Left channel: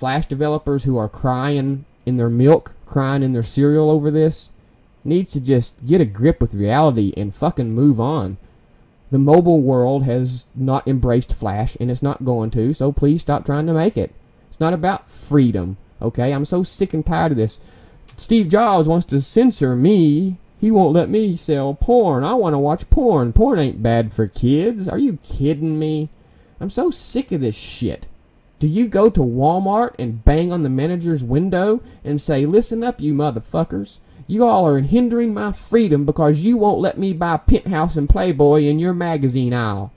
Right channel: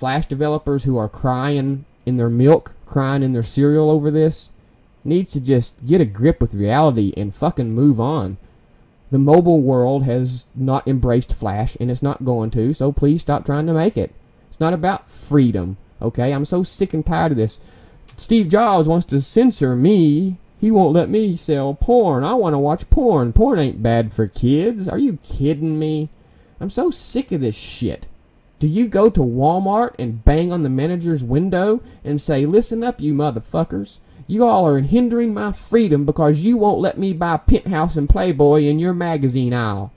Flash developers who are crying in their milk, crying in their cereal over this, needs to just get a grip with reality and fucking move on. The mobile world has not embraced Flash, and it's not going to, so please stop trying to make it. It's not about freedom, okay? I'm so sick and tired of this. Steve Jobs wants to censor me. He won't let me sell porn. I want to watch porn. Porn ain't bad for kids. Are you kidding me? I'm so sick of this shit. Do you go to Walmart and bang on the manager's window and say, listen up, you motherfuckers. You all are hindering my freedom because you won't let me buy Penthouse and Playboy in your magazine aisle.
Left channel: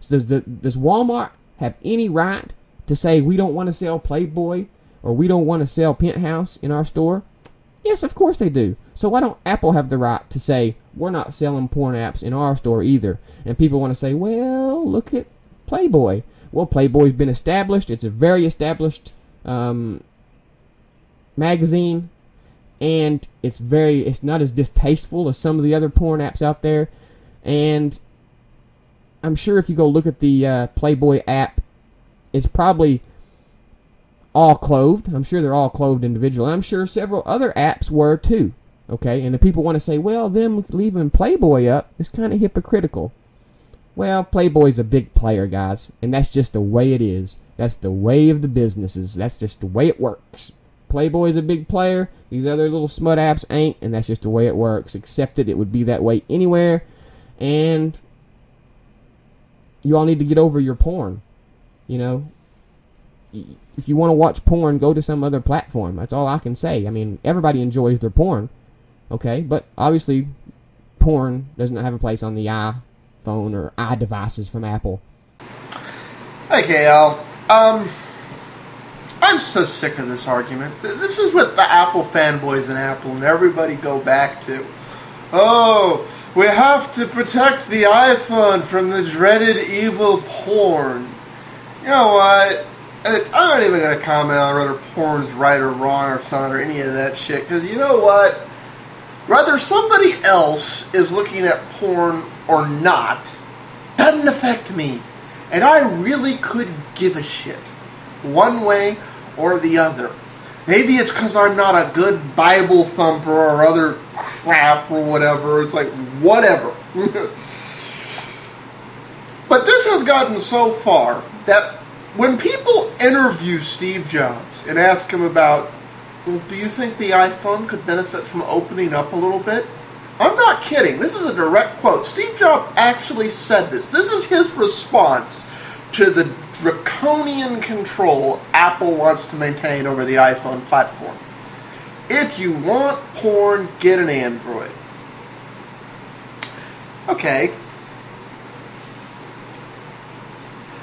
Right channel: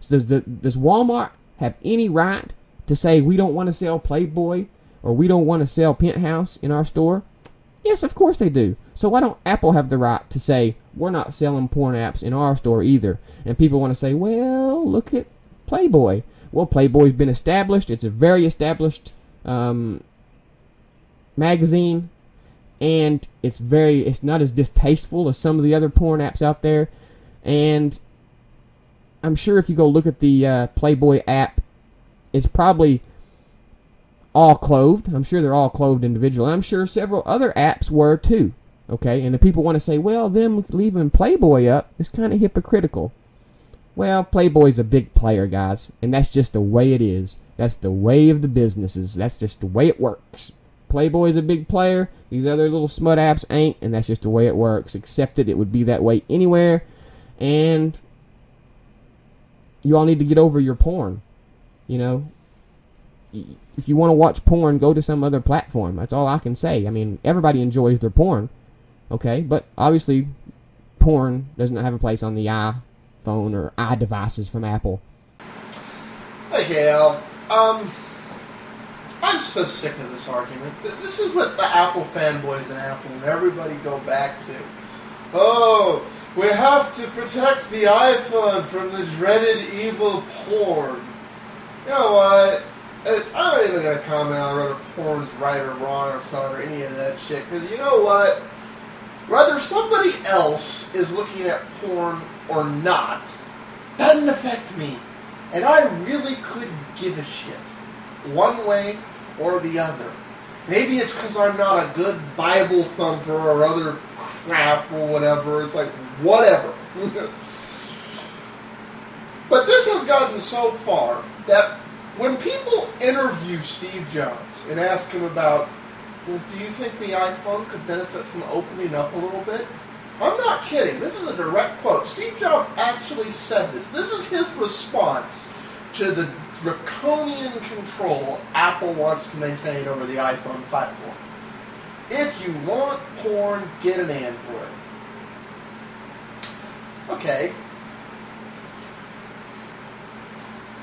So does Walmart have any right to say we don't want to sell Playboy or we don't want to sell Penthouse in our store? Yes, of course they do. So why don't Apple have the right to say we're not selling porn apps in our store either? And people want to say, well, look at Playboy. Well, Playboy's been established. It's a very established magazine. And it's not as distasteful as some of the other porn apps out there. And I'm sure if you go look at the Playboy app, it's probably all clothed. I'm sure they're all clothed individually. I'm sure several other apps were too. Okay, and if people want to say, well, them leaving Playboy up is kind of hypocritical. Well, Playboy's a big player, guys, and that's just the way it is. That's the way of the businesses. That's just the way it works. Playboy's a big player. These other little smut apps ain't, and that's just the way it works. Accept it. It would be that way anywhere. And you all need to get over your porn. You know, if you want to watch porn, go to some other platform. That's all I can say. I mean, everybody enjoys their porn, okay? But obviously, porn doesn't have a place on the iPhone or iDevices from Apple. Hey, KL. I'm so sick of this argument. This is what the Apple fanboys and Apple and everybody go back to. Oh, we have to protect the iPhone from the dreaded evil porn. You know what? I'm not even going to comment on whether porn's right or wrong or something or any of that shit. Because you know what? Whether somebody else is looking at porn or not doesn't affect me. And I really could give a shit. One way or the other. Maybe it's because I'm not a good Bible thumper or other crap or whatever. It's like, whatever. But this has gotten so far that when people interview Steve Jobs and ask him about, do you think the iPhone could benefit from opening up a little bit? I'm not kidding. This is a direct quote. Steve Jobs actually said this. This is his response to the draconian control Apple wants to maintain over the iPhone platform. If you want porn, get an Android. Okay.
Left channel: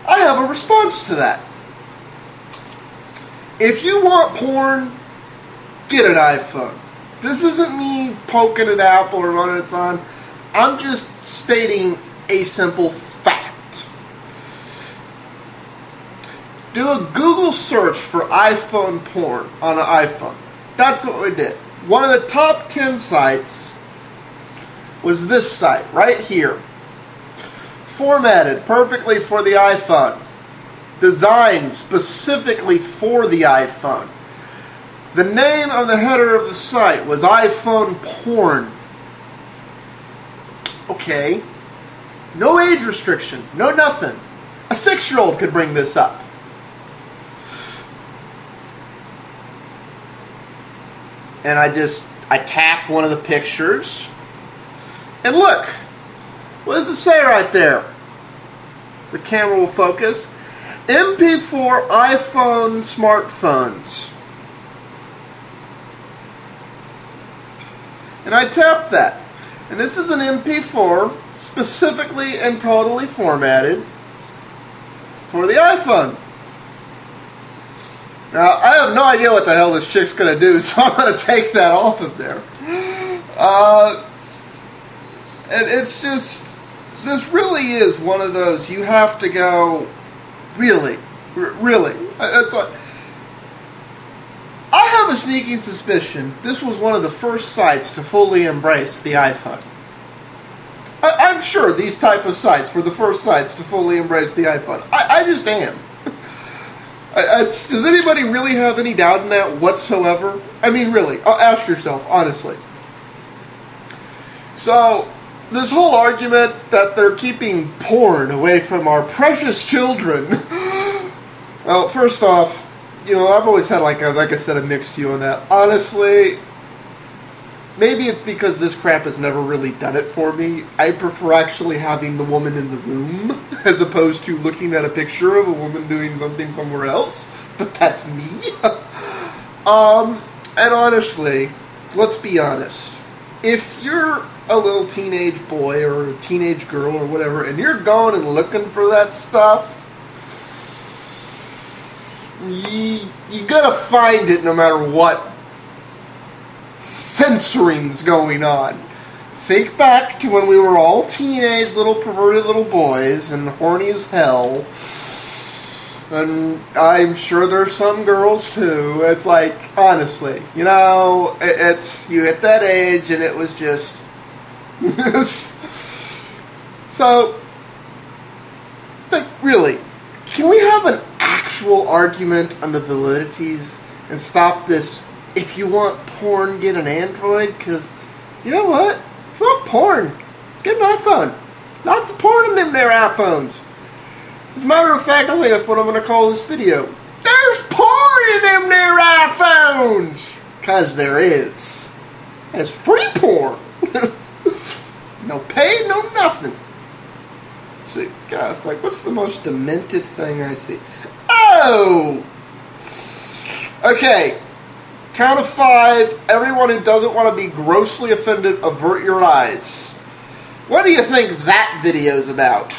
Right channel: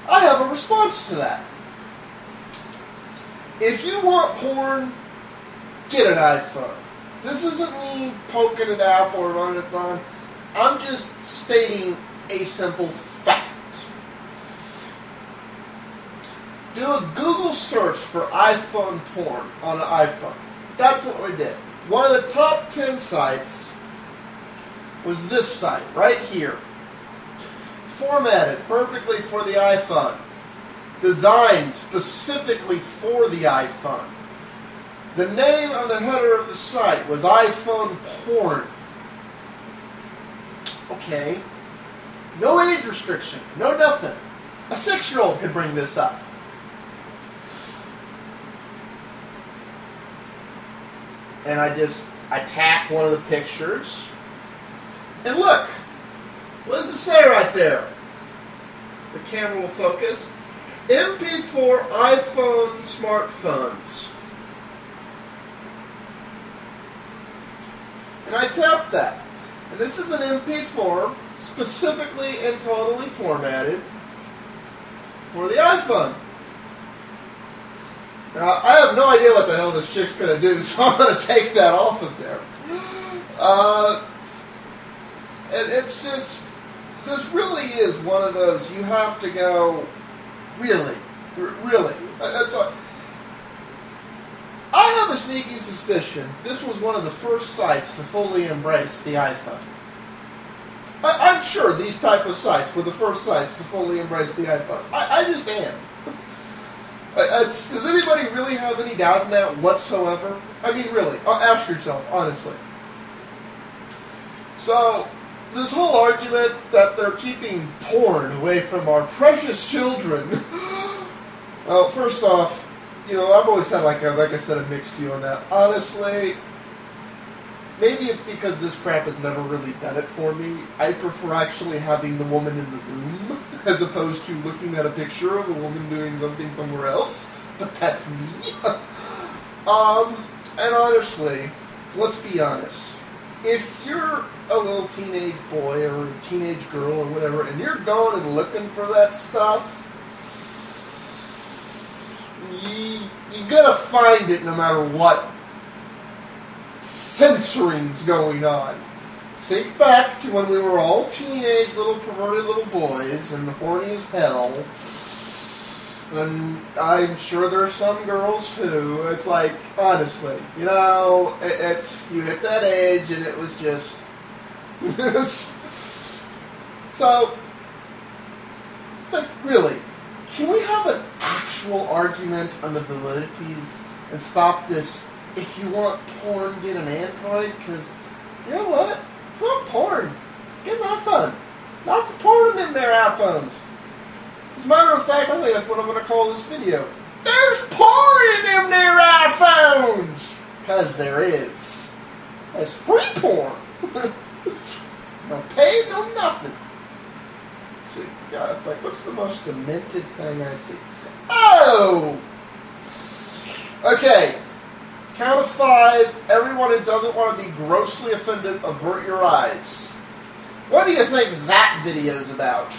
I have a response to that. If you want porn, get an iPhone. This isn't me poking at Apple or running it on. I'm just stating a simple fact. Do a Google search for iPhone porn on an iPhone. That's what we did. One of the top 10 sites was this site right here. Formatted perfectly for the iPhone. Designed specifically for the iPhone. The name of the header of the site was iPhone porn. Okay. No age restriction. No nothing. A 6-year-old could bring this up. And I tap one of the pictures. And look. What does it say right there? The camera will focus. MP4 iPhone smartphones. And I tap that. And this is an MP4 specifically and totally formatted for the iPhone. Now, I have no idea what the hell this chick's going to do, so I'm going to take that off of there. And it's just, this really is one of those, you have to go, really? It's like, I have a sneaking suspicion this was one of the first sites to fully embrace the iPhone. I'm sure these type of sites were the first sites to fully embrace the iPhone. I just am. Does anybody really have any doubt in that whatsoever? I mean, really, ask yourself, honestly. So, this whole argument that they're keeping porn away from our precious children. Well, first off, I've always had, like I said, a mixed view on that. Honestly, maybe it's because this crap has never really done it for me. I prefer actually having the woman in the room as opposed to looking at a picture of a woman doing something somewhere else. But that's me. And honestly, let's be honest. If you're a little teenage boy or a teenage girl or whatever, and you're going and looking for that stuff, you gotta find it no matter what censoring's going on. Think back to when we were all teenage little perverted little boys and horny as hell. And I'm sure there's some girls too. It's like, honestly, it's you hit that age and it was just so like, really, can we have an actual argument on the validities and stop this? If you want porn, get an Android, because you know what? If you want porn, get an iPhone. Lots of porn in them there iPhones. As a matter of fact, I think that's what I'm going to call this video. There's porn in them there iPhones! Because there is. It's free porn. No pay, no nothing. See, guys, like, what's the most demented thing I see? Oh! Okay. Count of 5. Everyone who doesn't want to be grossly offended, avert your eyes. What do you think that video's about?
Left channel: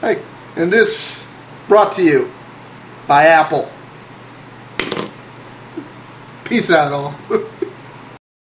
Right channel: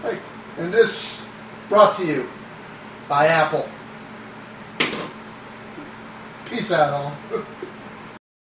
Hey, and this brought to you by Apple. Peace out, all.